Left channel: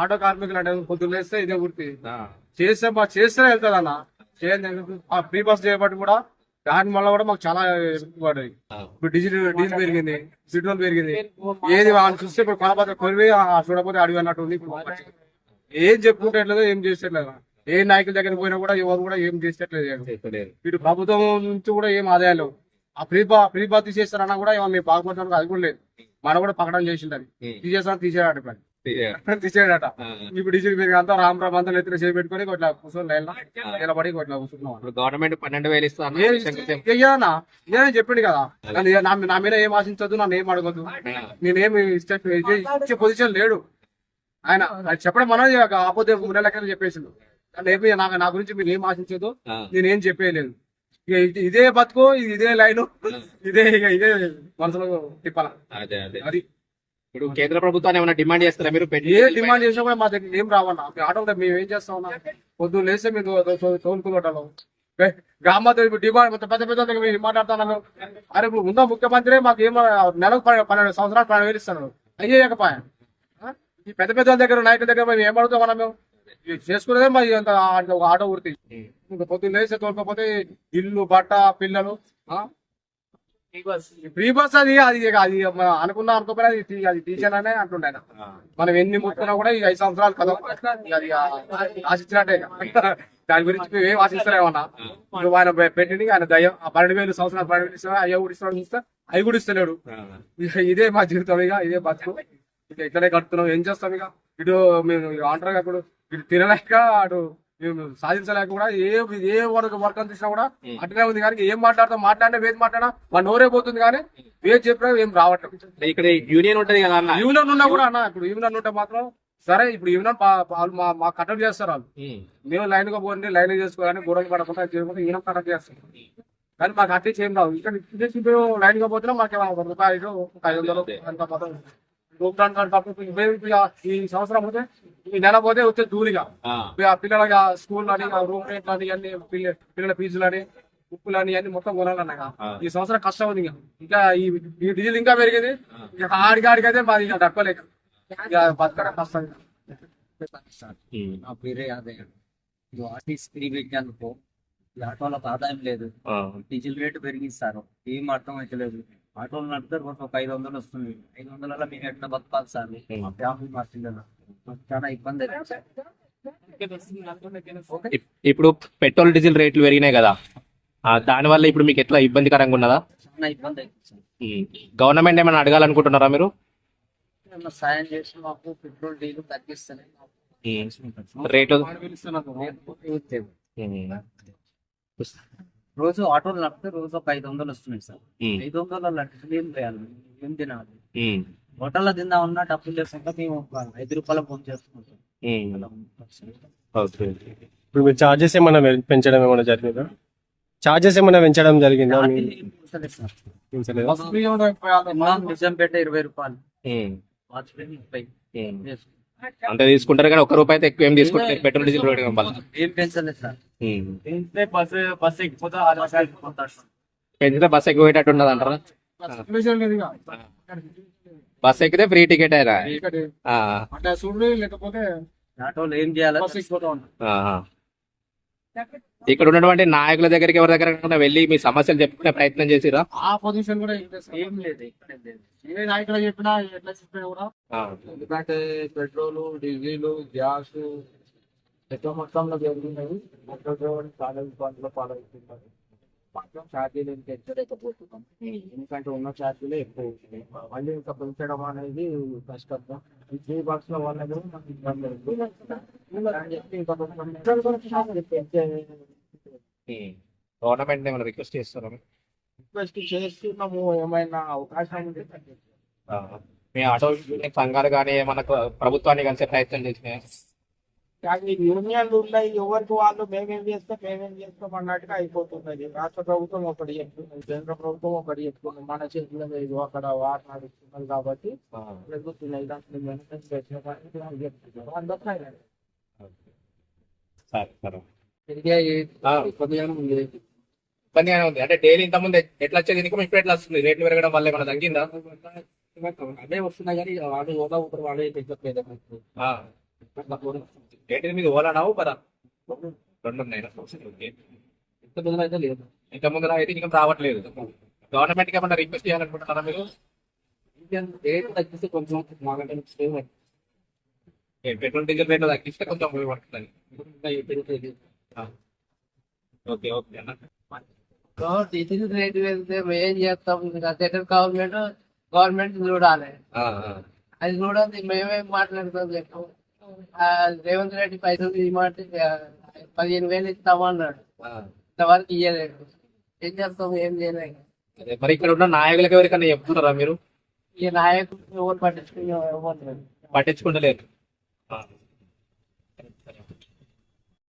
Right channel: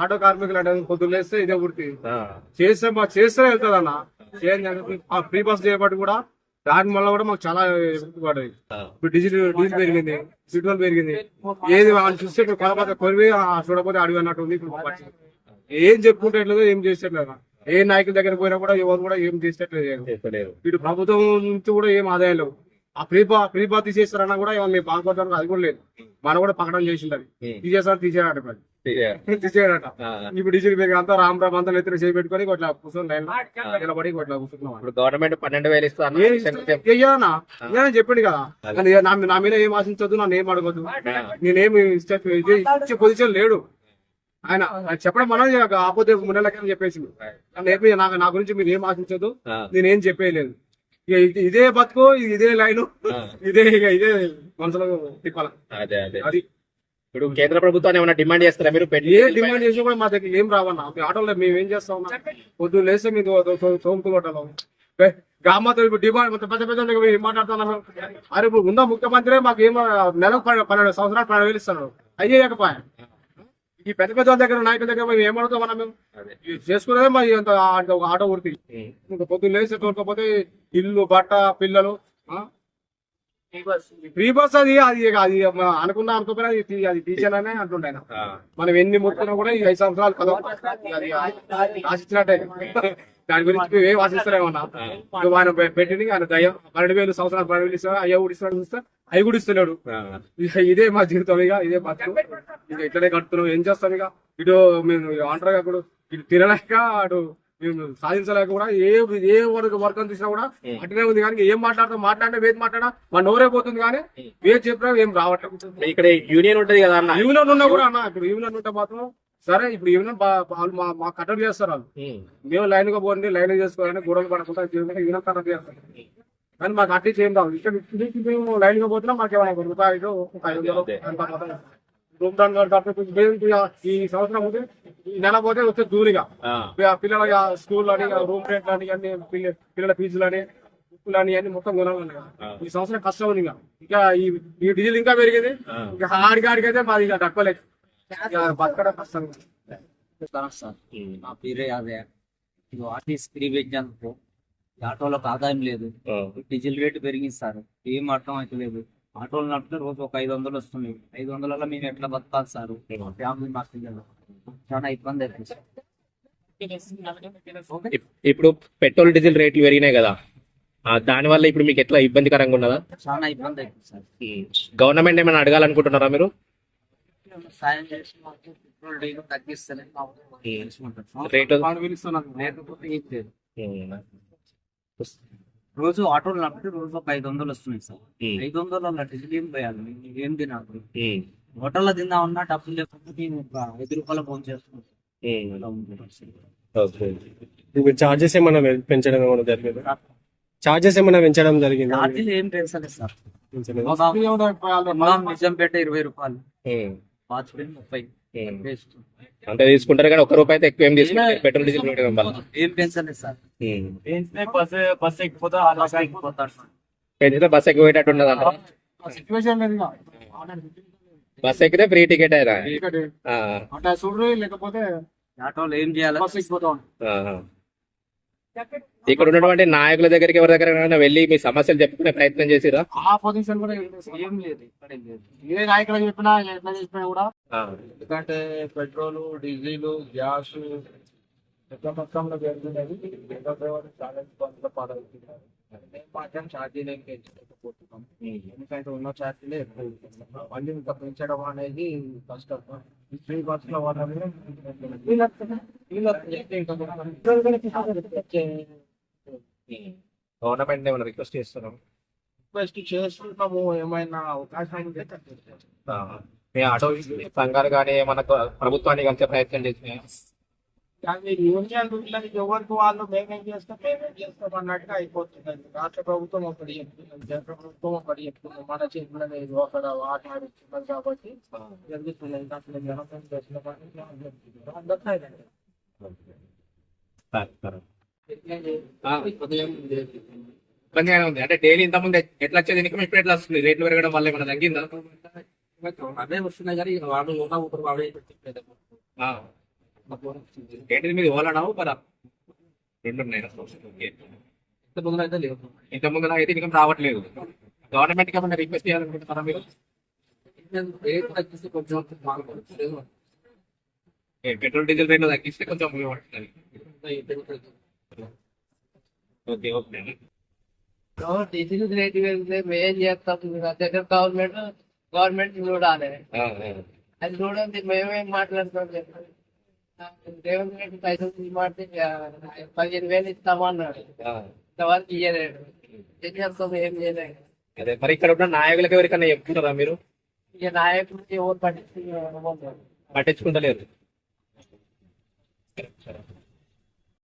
Auto కార్మికులు అంటే పొద్దున్న లేస్తే ఇదే వృత్తి చేస్తే చేస్తే వెళ్తారన్న ఫ్రీ బస్ చేయబట్టి కూడా దాని వల్ల కూడా మాకు చాలా పడ్డాయి. ఇప్పుడు డీజిల్ పెరిగింది, పెట్రోల్ పెరిగింది. ఏది వాళ్ళు చూస్తే ఇప్పుడు కొనపోతే కొనివి చూడకపోతే అడిగి అన్నట్టు ఉంది. ఇప్పుడు ఏం చెప్పుకుంటట్లేదు, ఏం చేసేట్లేదు. ఏ నాయకుల దగ్గర పోయినా కూడా ఎవరు కూడా ఏం చేసేట్లేదు. ఇటు ప్రభుత్వం నుంచి కూడా ఏం ఆదాయం లేవు. ఆ ఫ్రీ బస్ తీసేస్తారన్నా కూడా మేము బాగుపడడానికి అది కూడా లేదు. మనం కూడా పక్కన చేసింది తీసేస్తాను తీసేయాలట తీసేయడట. ఇప్పుడు డీజిల్ పెరిగి అంతా రామరామ్ అంతా ఎత్తున చేసి పెట్టుకొని ఇట్లా కూర్చొని నిలబడి ఇట్లా కూర్చున్నాం. గవర్నమెంట్ 12,000 ఇస్తాను నేనే చెప్పింది కదా. నా మీద ఏం ఆశించొద్దు, నన్ను ఏం అడగద్దు, నేనేమి ఇచ్చే పొజిషన్ లేడు ఆయన. చెప్పడం మనం ఆపోతే మున్నెలకైనా చెప్పేసిండు. నా గురించి మీరు ఏం ఆశించొద్దు, నేనేం చెప్పేయలేదు. ఇదే బతుకు, ఇదే లైన్, ఇదే మనసులో తిప్పాల. అది ఇప్పుడు కేంద్ర ప్రభుత్వాన్ని ఏమైనా డిమాండ్ చేస్తారా మీరు? ఏ డిమాండ్ చేసినా కూడా మా దగ్గర ఏం రావన్నా. ఆటోలో మేము ఏం చేస్తా ఉన్నాం, పొద్దున్న లేస్తే మీరు తోముకుంటాం. గ్రామాతో డిమాండ్ పెద్ద పెద్ద మాట్లాడుతున్నారు. అరే ఇప్పుడు ఉన్న ముఖ్యమంత్రి మాకు ఏమో నెలకు 12 సంవత్సరాలు 12,000 ఇస్తున్నారు. అయ్యాకపాయ ఈ పెద్ద పెద్ద దగ్గర నాయకుల దగ్గర మేము ఏమడుగుతాం మనం? చేసుకునేదే మరి అంత ఆటో వృత్తి. పొద్దున్న లేస్తే తోలుకపోతే ఇల్లు, బట్ట, పిల్లలు. ఫ్రీ బస్ అది అనుకున్నా అనుకోపోయినా అది తీసాననే అంటుండే. మనం ఎన్ని ముట్టుకున్నా కూడా ఈ 5 సంవత్సరాలు కదా అది ఆశించినట్టే. దాని గురించి మేము ఏం ఆశిస్తలేమన్నా. ఆయన పెట్టింది ఆయన దయ్యం. 12,000 సంవత్సరాలు 12,000 ఇస్తా, అయ్యా కూడా ఇస్తున్నాడు చూస్తే అవి కూడా ఇస్తున్నాడు. ఇదే మా జీవితం, ఇక ఇదే బతుకు, ఇక ఇట్లనే కడుతున్నాం. ఏం చేస్తాం ఇక? ఇటు మేము అంటారు అప్పుడు ఇటు తినలేక, అటు మేము సాధించలేక కూడా ఏ వర్క్ అని చూసినా కూడా అట్లనే ఉంది. కానీ ఏం మాట్లాడితే వేది మాట్లాడా మా నోరే పోతుంది. కానీ వేది చెప్పినా ఏం రావట్లేదు. ఇక్కడ యూనియన్ ఉంటది కదా అన్న, యూనియన్ ఉన్నా కూడా అన్న, ఇప్పుడు యూనియన్ ఉంటే మాత్రం సరే. ఇప్పుడు యూనియన్ వాళ్ళు మా కట్టడి చేస్తారు. వాళ్ళు మేము లైన్ గా పోండి, లైన్ చేసుకోవాలని గొడవలు పడకుండా యూనియన్ కట్టడి చేస్తారు. కానీ మాకు అట్లీస్ట్ ఏం రావు. ఇక్కడ మేము లైన్ గా పోతున్నా మాకు ఏమైనా రూపాయలు, 500 ఈ సంవత్సరం పోతే, ఈ నెల పోతే వచ్చే దూరిగా పిల్లల స్కూల్ అని, రూమ్ రెంట్ అని, అన్ని పిల్లల ఫీజులు అని, ఉప్పులని అన్ని మొత్తం కొనాలన్నాయి. ఈ సంవత్సరం కష్టం ఉంది. ఇంకా ఈ డీజిల్ ఇంకా పెరిగింది. ఇక ఆడికైతే మాది ఇక తక్కువలేదు. బతకడం కష్టం. నా పేరే యాదయ్య. ఆర్టీసీ ఫ్రీ పెట్టేందుకు ఈ ఆటోలకు ఆదాయం లేదు. డీజిల్ రేటు పెరిగిస్తారు. ఏం అర్థం అయితే లేదు. ఆటోలు నడిపితే రోజు ఒక 500 వస్తుంది. 500 మేము ఎట్లా బతకాలి సార్? మా ఫ్యామిలీ, మా పిల్లలు చాలా ఇబ్బంది అవుతుంది సార్. ఇప్పుడు పెట్రోల్ డీజిల్ రేట్లు పెరిగినాయి కదా, దాని వల్ల ఇప్పుడు మీకు ఎట్లా ఇబ్బందికరంగా ఉన్నదా? చాలా ఇబ్బంది అవుతుంది సార్. గవర్నమెంట్ ఏమైనా అడగాలనుకుంటున్నారా మీరు? సాయం చేసి మాకు పెట్రోల్ డీజిల్ తగ్గిస్తలే రేటు రోజు ఆటోలు నడిపితే రోజు ఒక 500 వస్తున్నాయి సార్. 500 డీజిల్ ఏం పోయాలి? ఏం తినాలి? హోటల్లో తిందామన్నా డబ్బులు లేకుండా మేము ఒక 5 రూపాయలు ఫోన్ చేస్తున్నాం. ఇప్పుడు మీరు చార్జెస్ ఏమైనా పెంచడం ఏమైనా జరిగిందా? చార్జెస్ ఏమైనా పెంచడం జరిగిందా? ఏం పెంచలేదు సార్. నిజంపేట 20 రూపాయలు, వాజ్పేయి 30 అంతే తీసుకుంటారు. కానీ 1 రూపాయి అయితే ఎక్కువ ఏం తీసుకుంటారు పెట్రోల్ డీజిల్ రేట్ వల్ల. ఏం పెంచలేదు సార్. బస్ ఎక్కిపోతే పెంచితే బస్ ఎక్కువ పోయేటట్టు ఉన్నది అంటారా? బస్ ఎక్కితే ఫ్రీ టికెట్ అయినా లేకపోతే ఆటోలు ఏం చేయాలి? ఇక్కడ ఉన్నటువంటి నాయకుల దగ్గరికి ఎవరి దగ్గర వెళ్ళి మీ సమస్యలు చెప్పుకునే ప్రయత్నం చేసిరా? ఆ పొజిషన్ కూడా ఏం లేదు, ఇక్కడ లేదు. ఏ నాయకులు చెప్పినా ఎట్లా చెప్పినా కూడా, ఎందుకంటే పెట్రోల్, డీజిల్, గ్యాస్ ఎక్కువ మొత్తంలో పెరుగుతున్నది. చాలా ఇబ్బందుల పాలవుతున్నారు. మాత్రం ఛార్జీలు ఏం పెంచలేకపోతున్నాం. ఎందుకంటే ఉన్న ఛార్జీలే ఎక్కువ. మళ్ళీ ఇంకా పెంచడం అనేది కష్టం. ఈ ఫ్రీ బస్ లో వల్ల కూడా మనకి గవర్నమెంట్ ఏమైనా రిక్వెస్ట్ చేస్తున్నాం? రిక్వెస్ట్ చేస్తున్నాము. ఏమైనా అవకాశాలు ఉంటే మీ ఆటో సంఘాలు కానీ ఏమన్నా ప్రభుత్వాన్ని కలిసే ప్రయత్నం చేసినాయి? కానీ యూనియన్లు ఉన్నాయి, ఎవరికి వాళ్ళు మేమేం చేస్తాం అన్నట్టుగా అయిపోతున్నది. రాష్ట్ర ప్రభుత్వం ఒకటి చెప్తున్నది, కేంద్ర ప్రభుత్వం ఒకటి చెప్తుంది. మన చేతిలో లేదు, అక్కడ వాట నడుస్తున్నది కాబట్టి జరుగుతున్నది. దాంట్లో జనం చేసిన కానీ చెప్తున్నారు అందరికీ. ఇబ్బందిగానే ఉంది. అంటే డైలీ ఇంత ముందు ఎట్లా వచ్చేది ఇన్కమ్ ఇప్పుడు ఎట్లా వస్తుంది? రేట్లు పెరగడం వల్ల ఏమైనా తగ్గిందా? అదే వస్తున్నాయి కానీ వాళ్ళు ఒకరు వాడే చెప్పలేదు. ఏంటిది మీది ఓలాడావు పదా రెండు ఉన్నాయి ఓకే. ఇంత ముందు అయితే లేదు. ఇంత ముందు అయితే ఇన్కమ్ రావట్లేదు. గవర్నమెంట్ కి ఏమన్నా రిక్వెస్ట్ చేయాలనుకుంటున్నారా మీరు? రేట్ తగ్గిస్తే కొంచెం మాకంటే పెట్రోల్ డీజిల్ రేట్లు తగ్గిస్తే కొంచెం ఉపయోగపడుతుంది. పెరుగుతుంది. ఓకే ఓకే అన్న. డీజిల్ రేట్ పెరిగితే మేము ఏం చేస్తాం? దగ్గర గవర్నమెంట్ చూడాలి. అది చూడాలి, మేమేం మాట్లాడతాం చెప్పు. రేవంత్ రెడ్డి పైసలు తీయమంటే 15,000 ఇస్తామన్నాడు, ఇంతవరకు ఇయ్యలేడు. ఏం చేస్తాం? ఏం చేయలేక అదే మరి ఇక్కడ ఉన్న నాయకులకు ఎవరికన్నా చెప్తున్నారా మీరు? ఇక నాయకులు ఎవరు పట్టించుకున్నారు? పట్టించుకుంటలేరు. సరే, సరే.